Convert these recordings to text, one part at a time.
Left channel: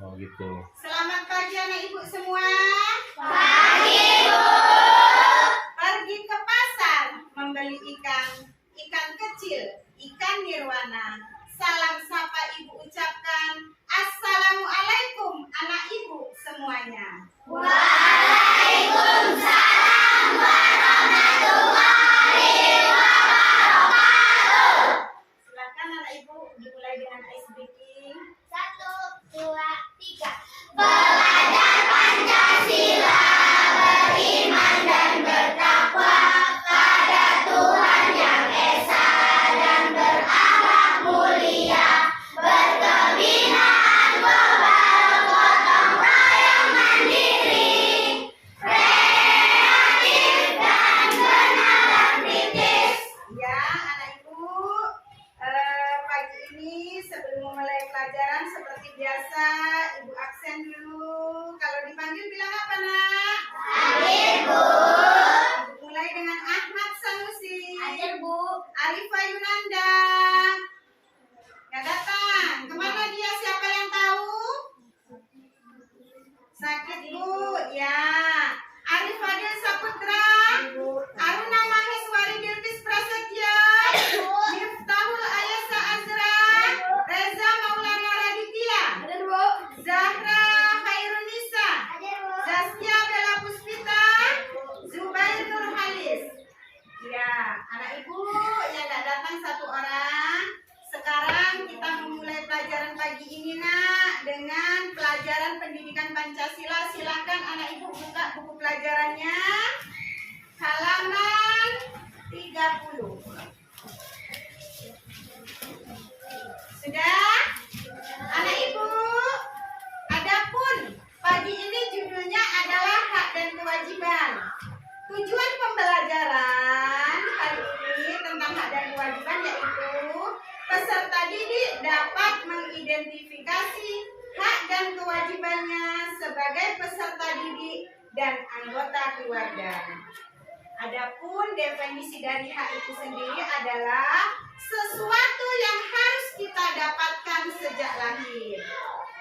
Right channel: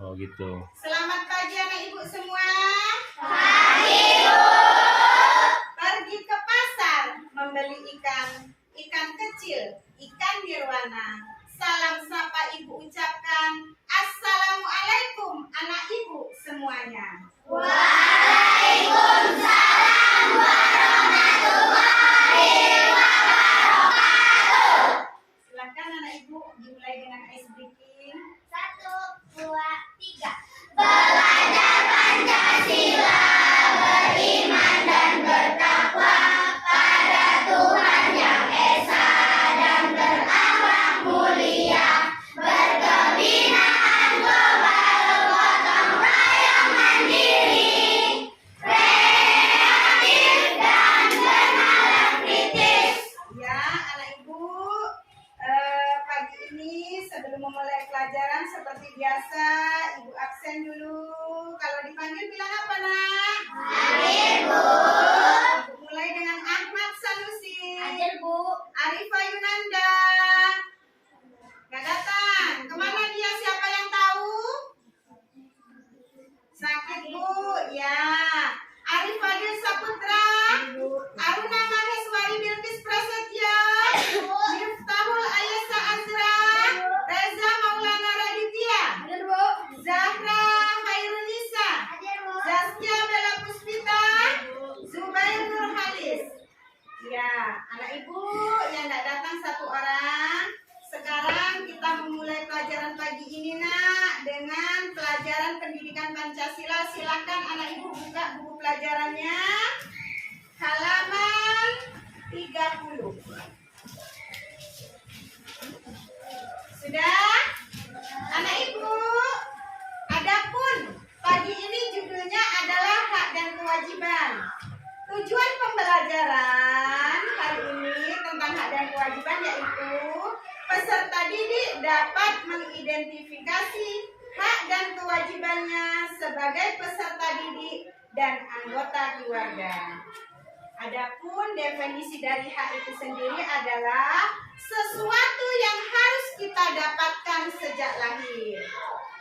Oh gitu. Selamat pagi anak ibu semua. Pagi, Bu. Pergi ke pasar membeli ikan kecil, ikan nirwana. Salam sapa ibu ucapkan Assalamualaikum anak ibu semuanya. Waalaikumsalam warahmatullahi wabarakatuh. Silakan anak ibu dimulai dengan ice breaking. 1, 2, 3. Belajar Pancasila, beriman dan bertakwa pada Tuhan Yang Esa dan berakhlak mulia, berkebinaan global, gotong royong mandiri, kreatif dan kenalan kritis. Ya, anak ibu, pagi ini sebelum memulai pelajaran seperti biasa, ibu absen dulu. Kalau dipanggil bilang apa, nak? Hadir, Bu. Ibu mulai dengan Ahmad Sanusi. Hadir, Bu. Arifah Yunanda. Nggak datang. Kemana dia? Siapa yang tahu? Sakit, Bu. Ya. Arif Fadil Saputra. Aruna Maheswari Bilqis Prasetya. Miftahul Ayasa Azra. Reza Maulana Raditya. Hadir, Bu. Zahra Khairunisa. Hadir, Bu. Zaskia Bella Puspita. Zubair Nur Halis. Ya, anak ibu yang tidak datang satu orang. Sekarang kita memulai pelajaran pagi ini, nak, dengan pelajaran pendidikan Pancasila. Silakan anak ibu buka buku pelajarannya. Halaman 30. Sudah? Anak ibu, adapun pagi ini judulnya adalah hak dan kewajiban. Tujuan pembelajaran kali ini tentang hak dan kewajiban yaitu peserta didik dapat mengidentifikasi hak dan kewajibannya sebagai peserta didik dan anggota keluarga. Adapun definisi dari hak itu sendiri adalah sesuatu yang harus kita dapatkan sejak lahir.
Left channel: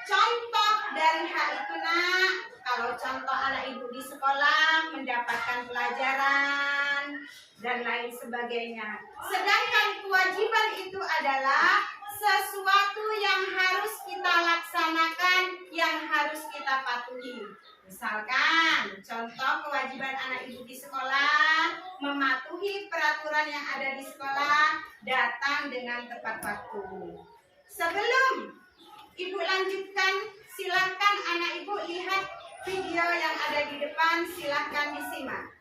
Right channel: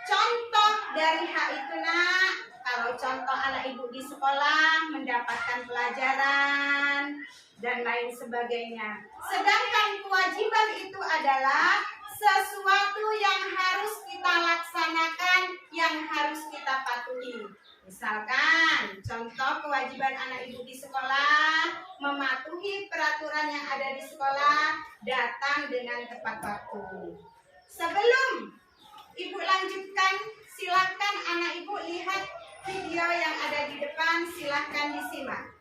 Contoh dari hak itu, nak, kalau contoh anak ibu di sekolah mendapatkan pelajaran dan lain sebagainya. Sedangkan kewajiban itu adalah sesuatu yang harus kita laksanakan, yang harus kita patuhi. Misalkan, contoh kewajiban anak ibu di sekolah, mematuhi peraturan yang ada di sekolah, datang dengan tepat waktu. Sebelum ibu lanjutkan, silahkan anak ibu lihat video yang ada di depan, silahkan disimak.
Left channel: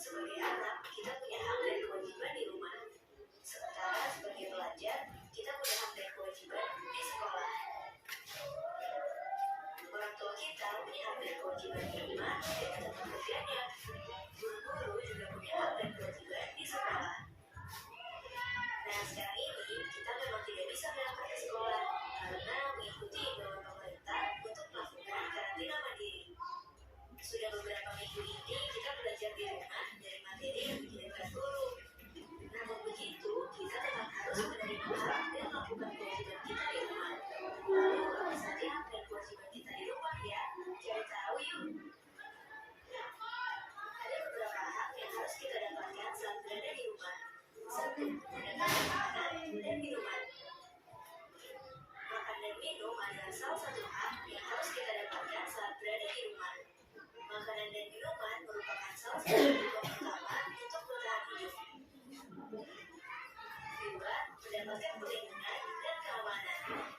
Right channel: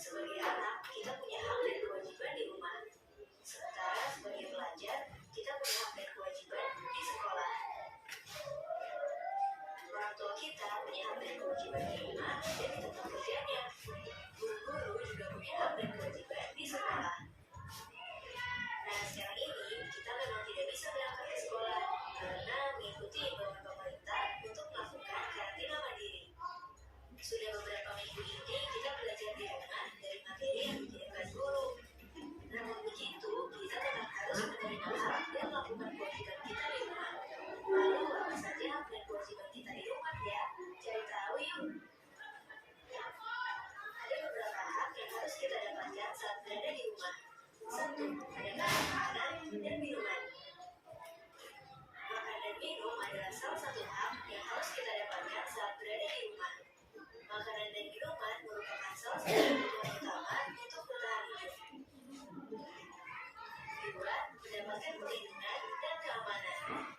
Sebagai anak, kita punya hak dan kewajiban di rumah. Sementara sebagai pelajar, kita punya hak dan kewajiban di sekolah. Orang tua kita punya hak dan kewajiban di rumah dan di tempat kerjanya. Guru-guru juga punya hak dan kewajiban di sekolah. Nah, sekarang ini kita memang tidak bisa berangkat ke sekolah karena mengikuti imbauan pemerintah untuk melakukan karantina mandiri. Sudah beberapa minggu ini kita belajar di rumah dari materi yang dikirimkan guru. Namun begitu, kita tetap harus menerima hak dan melakukan kewajiban kita di rumah. Lalu apa saja hak dan kewajiban kita di rumah ya? Cari tahu yuk. Ada beberapa hak yang harus kita dapatkan saat berada di rumah. 1. Mendapatkan makanan dan minuman. Makan dan minum adalah salah satu hak yang harus kita dapatkan saat berada di rumah. Makanan dan minuman merupakan salah satu kebutuhan utama untuk bertahan hidup. 2. Mendapatkan perlindungan dan keamanan.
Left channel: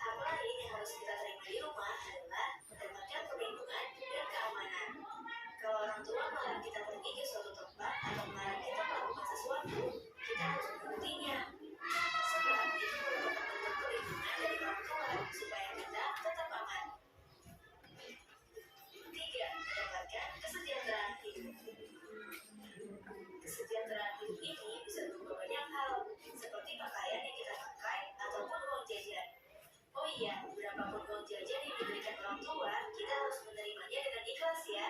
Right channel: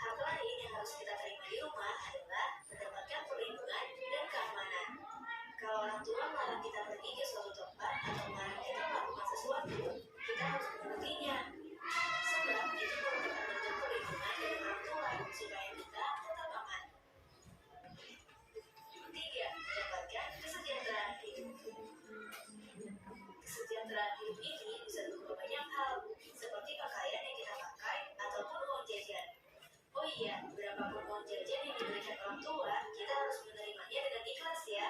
Hak lain yang harus kita terima di rumah adalah mendapatkan perlindungan dan keamanan. Kalau orang tua melarang kita pergi ke suatu tempat atau melarang kita melakukan sesuatu, Iya, berapapun uang jajan yang diberikan orang tua, kita harus menerimanya dengan ikhlas ya.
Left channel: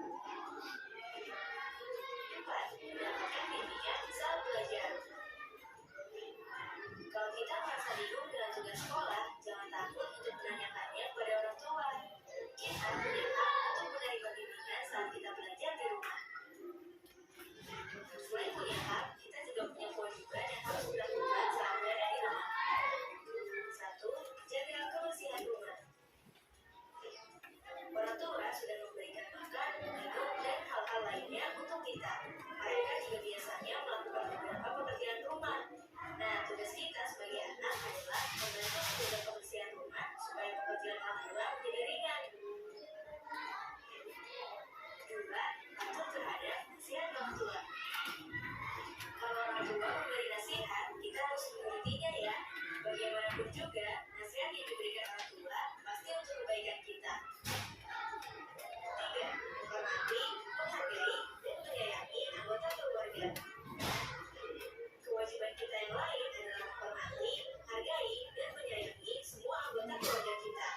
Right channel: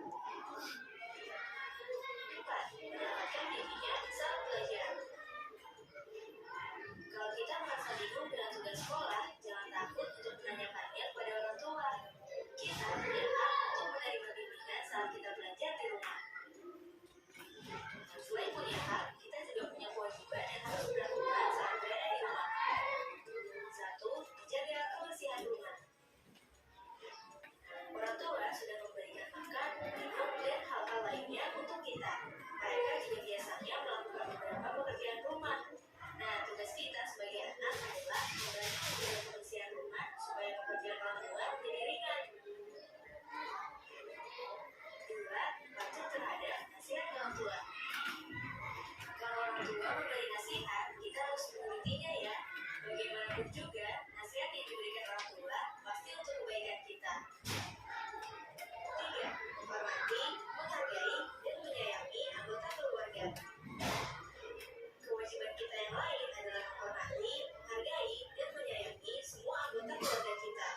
4. Mendapatkan bimbingan saat belajar. Kalau kita merasa bingung dengan tugas sekolah, jangan takut untuk menanyakannya kepada orang tua. Kita punya hak untuk menerima bimbingan saat kita belajar di rumah. Selain punya hak, kita juga punya kewajiban yang harus dilakukan saat berada di rumah. 1. Menjaga kebersihan rumah. Orang tua sudah memberikan makan, minum, dan hal-hal lainnya untuk kita. Mereka juga biasanya melakukan beberapa pekerjaan rumah. Nah, tugas kita sebagai anak adalah membantu menjaga kebersihan rumah supaya pekerjaan orang tua menjadi ringan. 2. Patuh terhadap nasihat orang tua. Kalau orang tua memberi nasihat, kita harus menurutinya ya. Bagaimanapun juga, nasihat yang diberikan orang tua pasti untuk kebaikan kita. 3. Menghormati, menghargai, dan menyayangi anggota keluarga. Kewajiban kita yang lain adalah menghormati, menghargai, dan menyayangi semua anggota keluarga kita.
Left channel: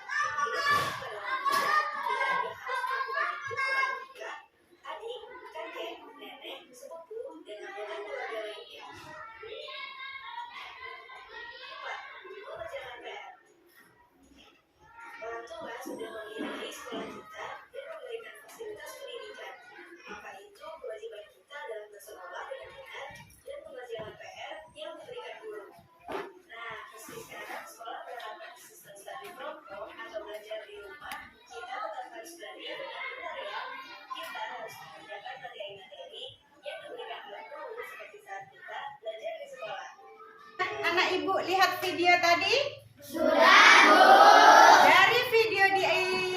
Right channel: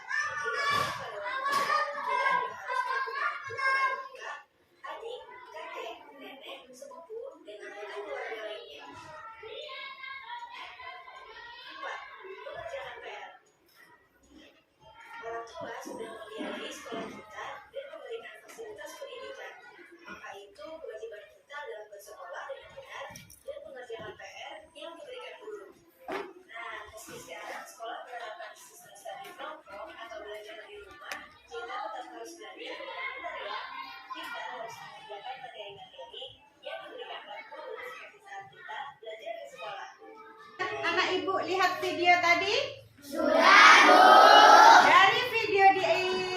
Tidak hanya pada orang tua, kita juga harus melakukan itu kepada kakak, adik, kakek, nenek, sepupu, dan anggota keluarga lainnya. 4. Mengerjakan PR. Orang tua sudah membiayai sekolah kita dan memberikan fasilitas pendidikan. Maka itu kewajiban kita adalah bersekolah dengan benar dan mengerjakan PR yang diberikan guru. Nah, meski sekarang sekolah menerapkan sistem study from home atau belajar di rumah, kita tetap harus belajar dengan benar ya. Kita harus mengerjakan materi-materi yang diberikan oleh guru seperti saat kita belajar di sekolah. Anak ibu lihat video tadi? Sudah, Bu. Dari video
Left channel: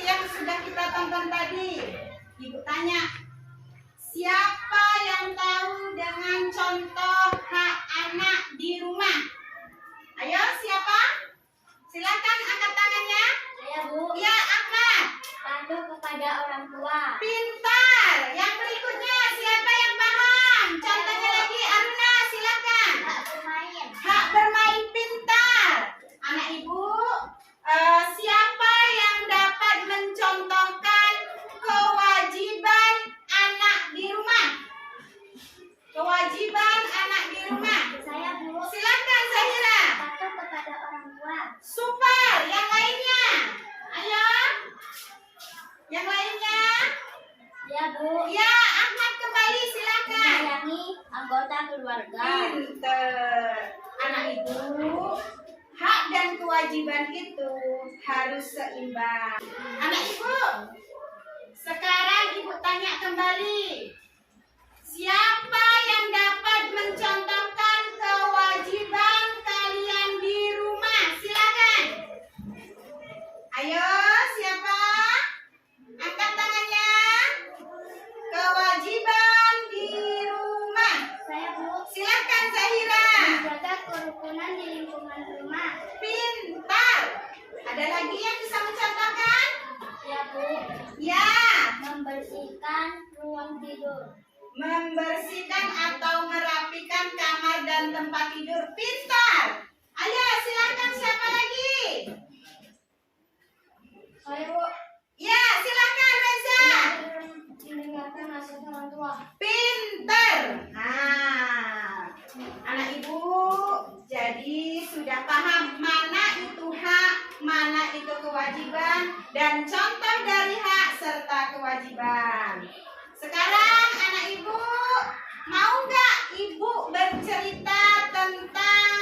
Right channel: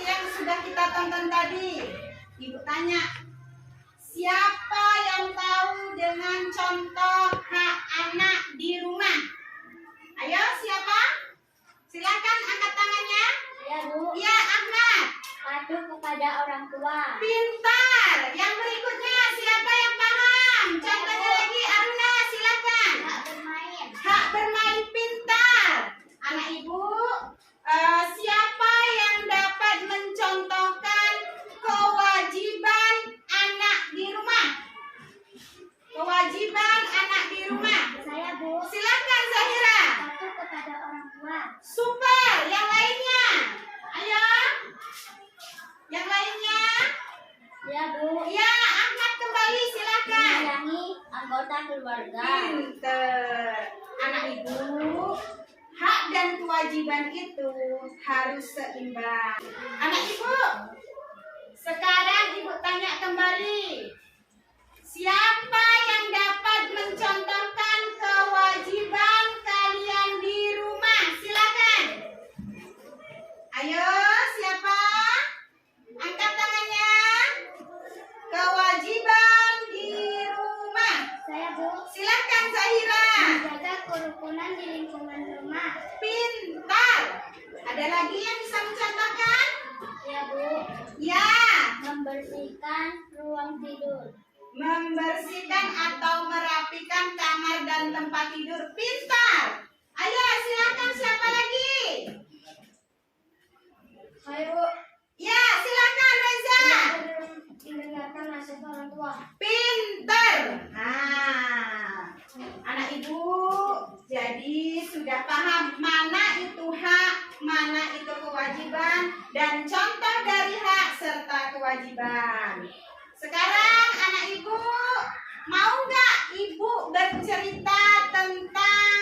yang sudah kita tonton tadi, ibu tanya, siapa yang tahu dengan contoh hak anak di rumah? Ayo, siapa? Silakan angkat tangannya. Saya, Bu. Ya, Ahmad. Patuh kepada orang tua. Pintar. Yang berikutnya, siapa yang paham? Contohnya lagi, Aruna, silakan. Tak bermain. Hak bermain pintar. Anak ibu, siapa yang dapat mencontohkan kewajiban anak di rumah? Kewajiban anak di rumah. Saya, Bu. Silakan Zahira. Patuh kepada orang tua. Super. Yang lainnya. Ayo. Yang lainnya. Ya, Bu. Ya, Ahmad kembali silakan. Menyayangi anggota keluarga. Pinter. Anak ibu, hak dan kewajiban itu harus seimbang. Anak ibu, sekarang ibu tanya kembali. Siapa yang dapat mencontohkan kewajiban kalian di rumah? Silakan. Ayo, siapa? Angkat tangannya. Kewajiban di rumah. Saya, Bu. Silakan Zahira. Menjaga kerukunan di lingkungan rumah. Pintar. Ada lagi yang bisa mencontohkan? Ya, Bu. Ya, Membersihkan ruang tidur. membersihkan atau merapikan kamar dan tempat tidur. Pintar. Ayo, silakan siapa lagi? Saya, Bu. Ya, silakan Reza. Mendengarkan nasihat orang tua. Pintar. Anak ibu, jadi sudah paham mana itu hak, mana itu kewajiban, dan contoh dari hak serta kewajiban. Sekarang anak ibu, mau nggak ibu bercerita tentang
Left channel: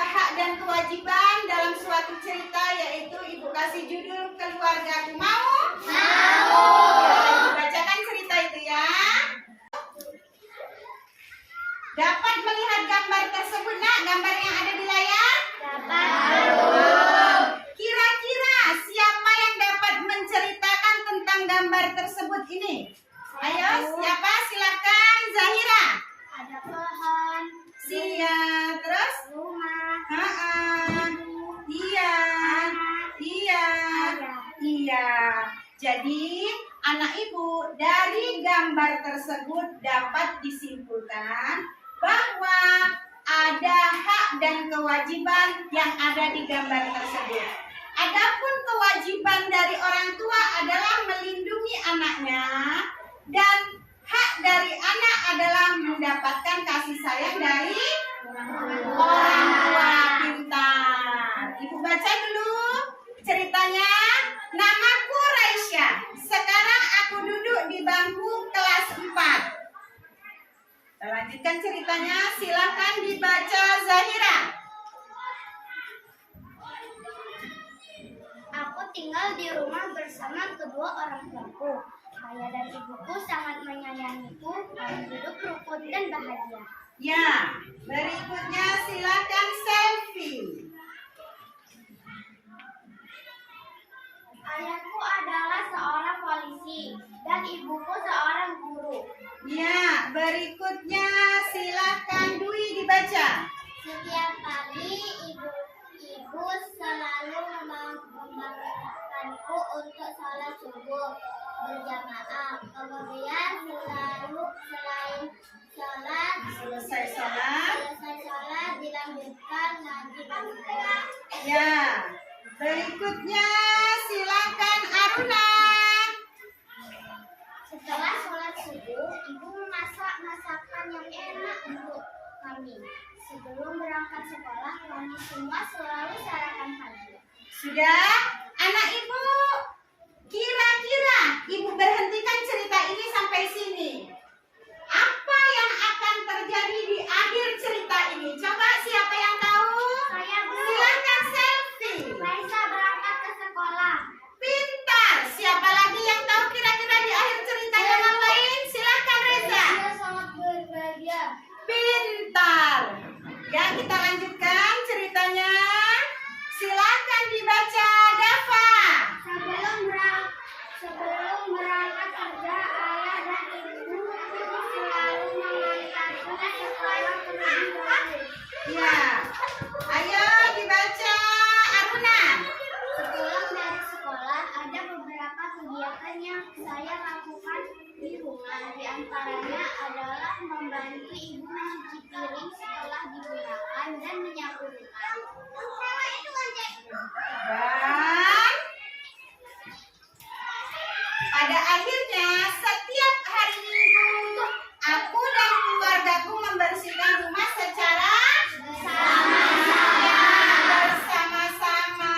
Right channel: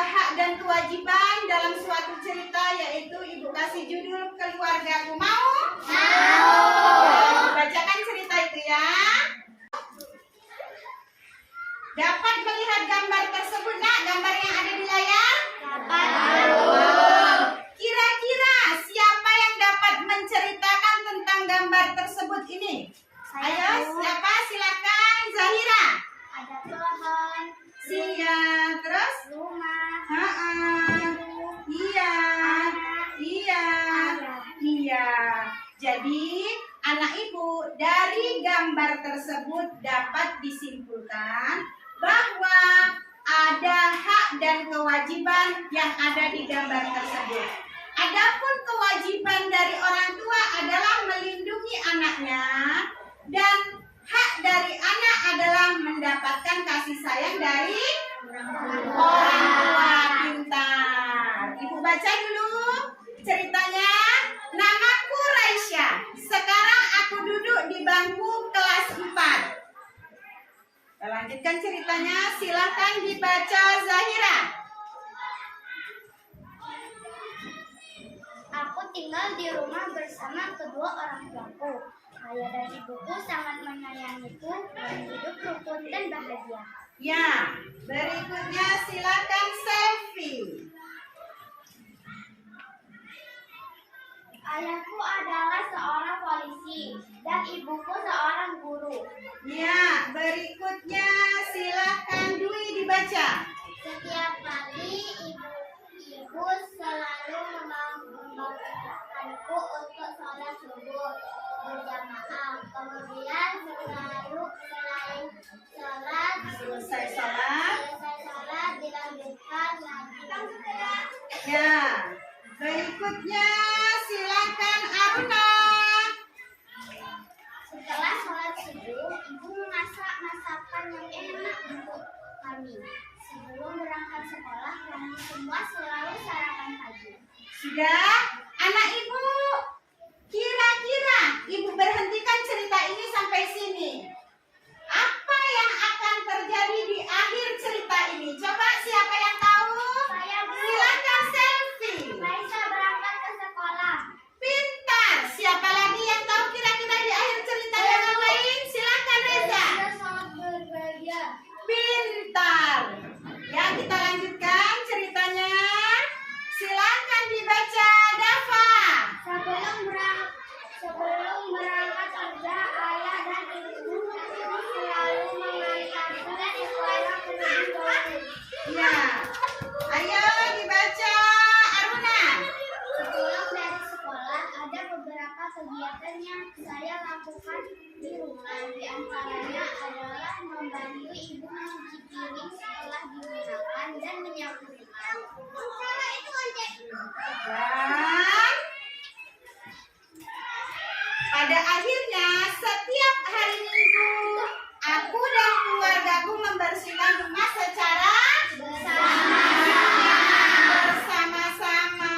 hak dan kewajiban dalam suatu cerita, yaitu ibu kasih judul Keluargaku. Mau? Mau. Ya, bacakan cerita itu ya. Dapat melihat gambar tersebut, nak? Gambar yang ada di layar? Dapat. Kira-kira siapa yang dapat menceritakan tentang gambar tersebut ini? Ayo, siapa? Silakan Zahira. Ada pohon, Iya, terus? rumah, Iya. Iya. Iya. Jadi, anak ibu, dari gambar tersebut dapat disimpulkan bahwa ada hak dan kewajiban yang ada di gambar tersebut. Adapun kewajiban dari orang tua adalah melindungi anaknya dan hak dari anak adalah mendapatkan kasih sayang dari orang tua. Pintar. Ibu baca dulu ceritanya. Namaku Raisya. Sekarang aku duduk di bangku kelas 4. Kita lanjutkan ceritanya. Silakan dibaca Zahira. Aku tinggal di rumah bersama kedua orang tuaku. Ayah dan ibuku sangat menyayangiku. Kami hidup rukun dan bahagia. Ya, berikutnya silakan selfie. Ayahku adalah seorang polisi dan ibuku seorang guru. Ya, berikutnya silakan Dwi dibaca. Setiap pagi ibu selalu membangunkanku untuk sholat subuh berjamaah. Kemudian Selesai sholat. selesai sholat dilanjutkan lagi beribadah. Ya, berikutnya silakan Aruna. Setelah sholat subuh, ibu memasak masakan yang enak untuk kami. Sebelum berangkat sekolah, kami semua selalu sarapan pagi. Sudah? Anak ibu, kira-kira ibu berhentikan cerita ini sampai sini. Apa yang akan terjadi di akhir cerita ini? Coba siapa yang tahu? Saya Silakan selfie. Raisa berangkat ke sekolah. Pintar. Siapa lagi yang tahu kira-kira di akhir cerita yang lain? Silakan Reza. Saya sangat berbahagia. Pintar. Ya, kita lanjutkan ceritanya. Silakan dibaca Dava. Sebelum berangkat kerja, ayah dan ibu selalu mengantarku ke sekolah terlebih dahulu. Ya. Ayo dibaca Aruna. Setelah dari sekolah, ada beberapa kegiatan yang saya lakukan di rumah. Di antaranya adalah membantu ibu mencuci piring setelah digunakan dan menyapunya. Dan pada akhirnya setiap hari Minggu aku dan keluargaku membersihkan rumah secara bersama-sama.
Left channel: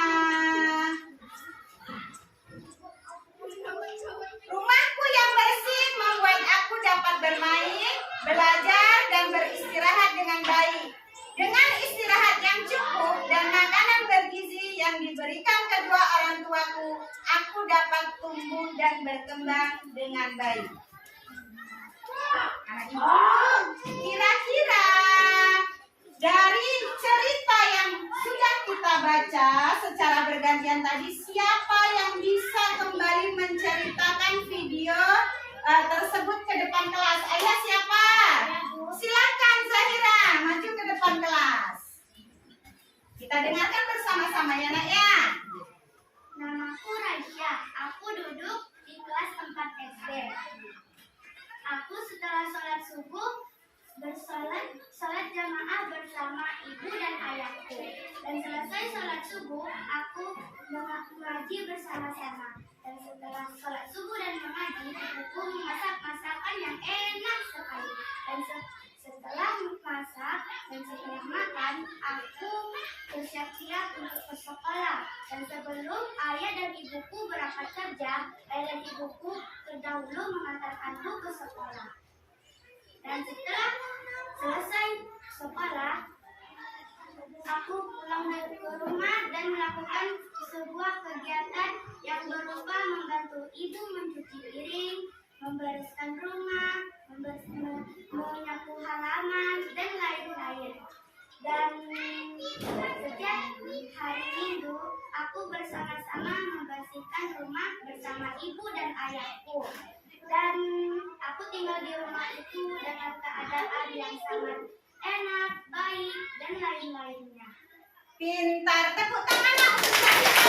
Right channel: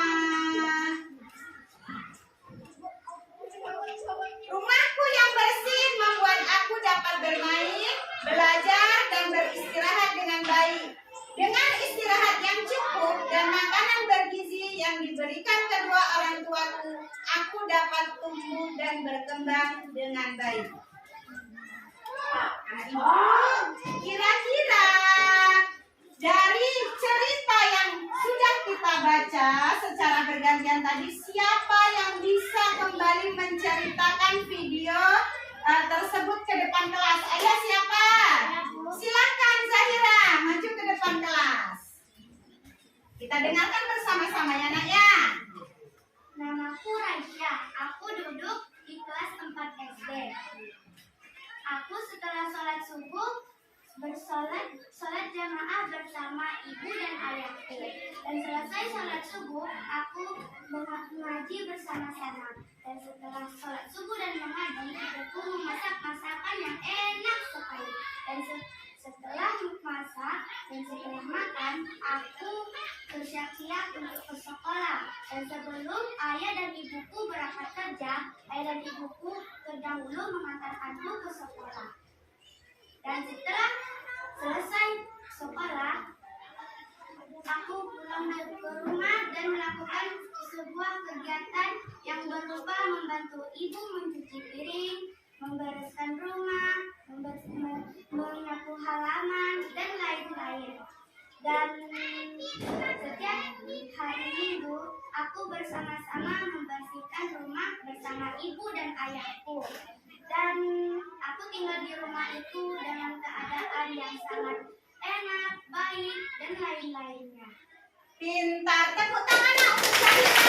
Rumahku yang bersih membuat aku dapat bermain, belajar, dan beristirahat dengan baik. Dengan istirahat yang cukup dan makanan bergizi yang diberikan kedua orang tuaku, aku dapat tumbuh dan berkembang dengan baik. Anak ibu, kira-kira dari cerita yang sudah kita baca secara bergantian tadi, siapa yang bisa kembali menceritakan video tersebut ke depan kelas? Ayo siapa? Silakan Zahira, maju ke depan kelas. Kita dengarkan bersama-sama ya nak ya. Namaku Raisya. Aku duduk di kelas 4 SD. Aku setelah sholat subuh sholat jamaah bersama ibu dan ayahku. Dan selesai sholat subuh, aku mengaji bersama-sama. Dan setelah sholat subuh dan mengaji, ibuku memasak masakan yang enak sekali. Dan setelah masak dan setelah makan, aku bersiap-siap untuk ke sekolah. Dan sebelum ayah dan ibuku berangkat kerja, ayah dan ibuku terdahulu mengantarkanku ke sekolah. Dan setelah selesai sekolah, aku pulang ke rumah dan melakukan sebuah kegiatan yang berupa membantu ibu mencuci piring, membereskan rumah, menyapu halaman, dan lain-lain. Dan setiap hari Minggu, aku bersama-sama membersihkan rumah bersama ibu dan ayahku. Dan aku tinggal di rumah itu dengan keadaan yang sangat enak, baik, dan lain-lainnya. Pintar, tepuk tangan nak untuk Zahira.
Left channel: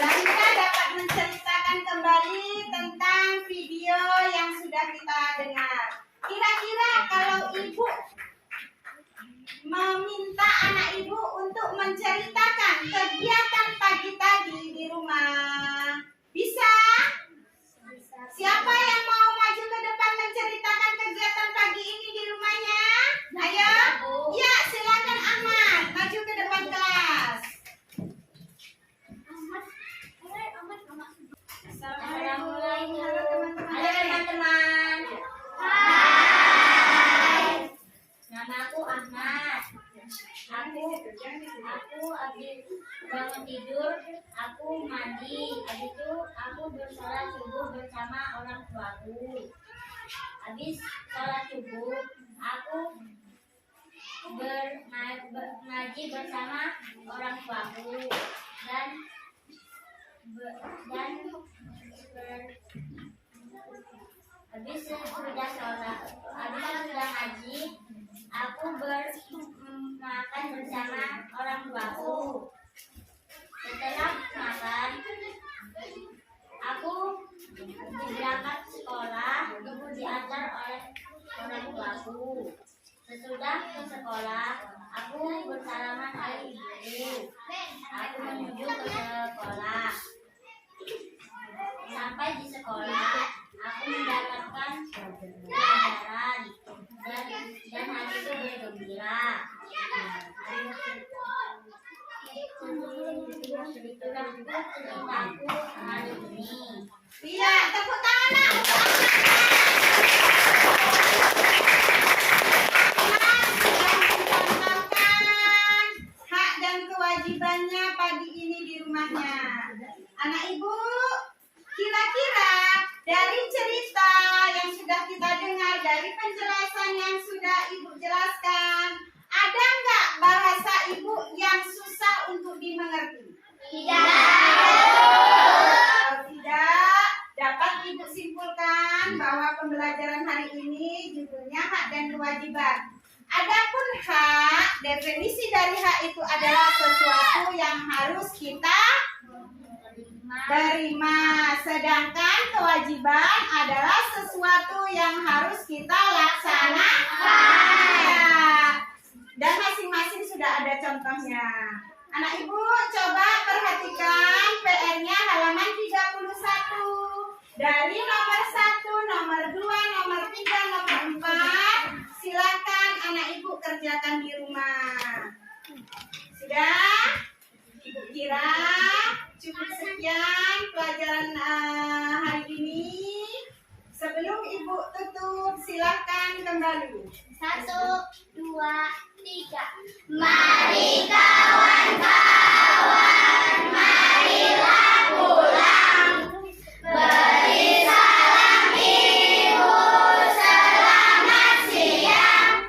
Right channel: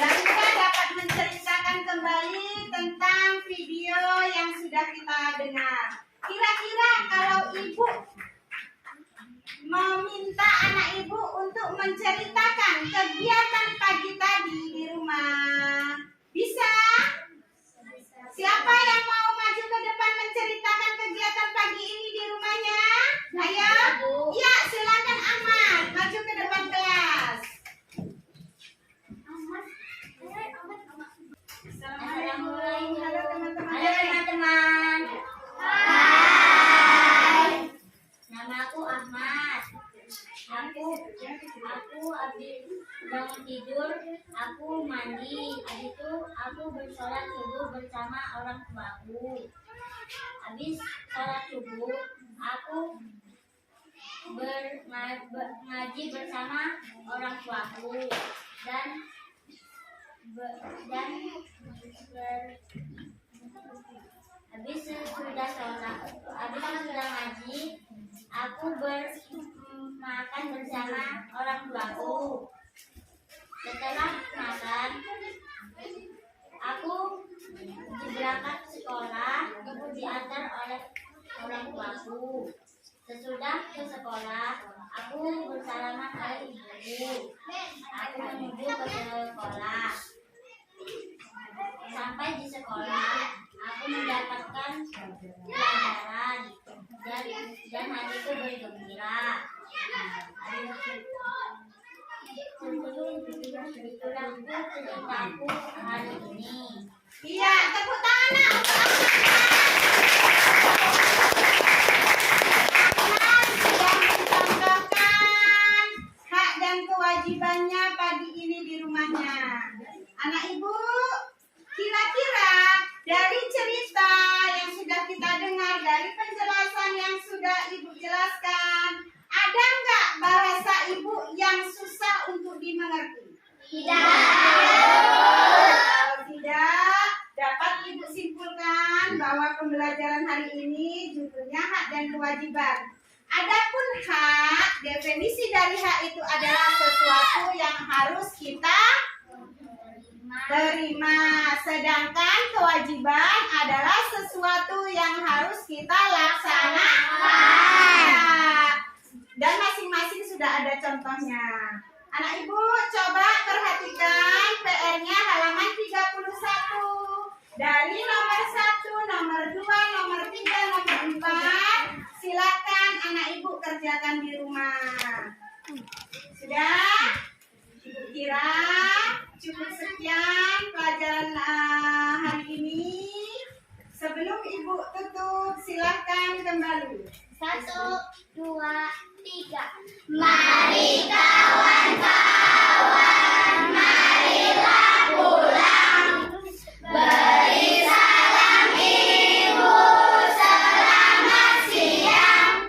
Zahira dapat menceritakan kembali tentang video yang sudah kita dengar. Kira-kira kalau ibu meminta anak ibu untuk menceritakan kegiatan pagi tadi di rumah. Bisa? Siapa yang mau maju ke depan menceritakan kegiatan pagi ini di rumahnya? Ayo. Ya, silakan Ahmad maju ke depan kelas. Assalamualaikum. Halo teman-teman. Halo teman-teman. Nama aku Ahmad. Aku habis bangun tidur, aku mandi. Habis itu aku bersolat subuh bersama orang tuaku. Habis sholat subuh, aku ngaji bersama orang tuaku dan habis sudah ngaji, aku makan bersama orang tuaku. Setelah makan, aku berangkat sekolah, kemudian diantar oleh orang tuaku. Sesudah ke sekolah, aku bersalaman oleh ibu. Aku menuju ke sekolah. Sampai di sekolah, aku mendapatkan pelajaran dan hatiku bergembira. Itulah ceritaku hari ini. Iya, tepuk tangan nak. Ahmad sudah mencontohkan hak dan kewajibannya pagi ini di rumahnya. Anak ibu, kira-kira dari cerita yang sudah kita dengar, dari penjelasan yang sudah ibu jelaskan, ada nggak bahasa ibu yang susah untuk dimengerti? Kalau tidak, dapat ibu simpulkan bahwa pembelajaran hari ini judulnya hak dan kewajiban. Adapun hak, definisi dari hak itu adalah sesuatu yang harus kita terima, sedangkan kewajiban adalah sesuatu yang harus kita laksanakan. Dan masing-masing sudah ada contohnya. Anak ibu coba perhatikan PR-nya halaman 31. Dari nomor 1, nomor 2, nomor 3, nomor 4. Silakan anak ibu kerjakan di rumah. Sudah? Ibu kira cukup sekian pelajaran hari ini. Sebelum ibu tutup, silahkan kembali. 1, 2, 3. Mari kawan-kawan, marilah pulang. Beri salam ibu, selamat siang.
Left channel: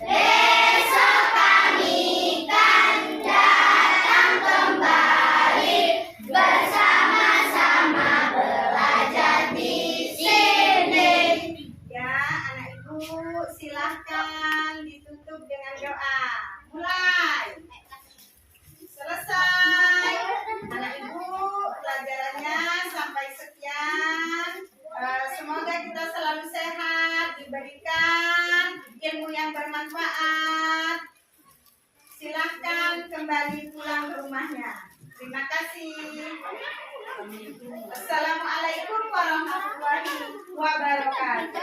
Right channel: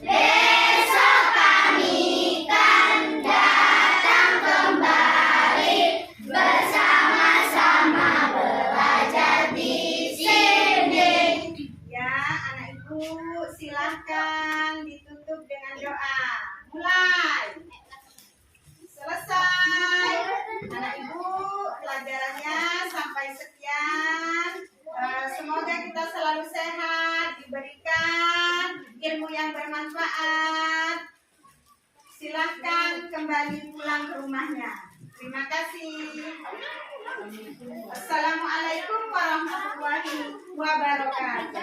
Besok kami kan datang kembali, bersama-sama belajar di sini. Ya, anak ibu silahkan ditutup dengan doa. Mulai. Selesai. Anak ibu pelajarannya sampai sekian. Semoga kita selalu sehat, diberikan ilmu yang bermanfaat. Silahkan kembali pulang ke rumahnya. Terima kasih. Assalamualaikum warahmatullahi wabarakatuh.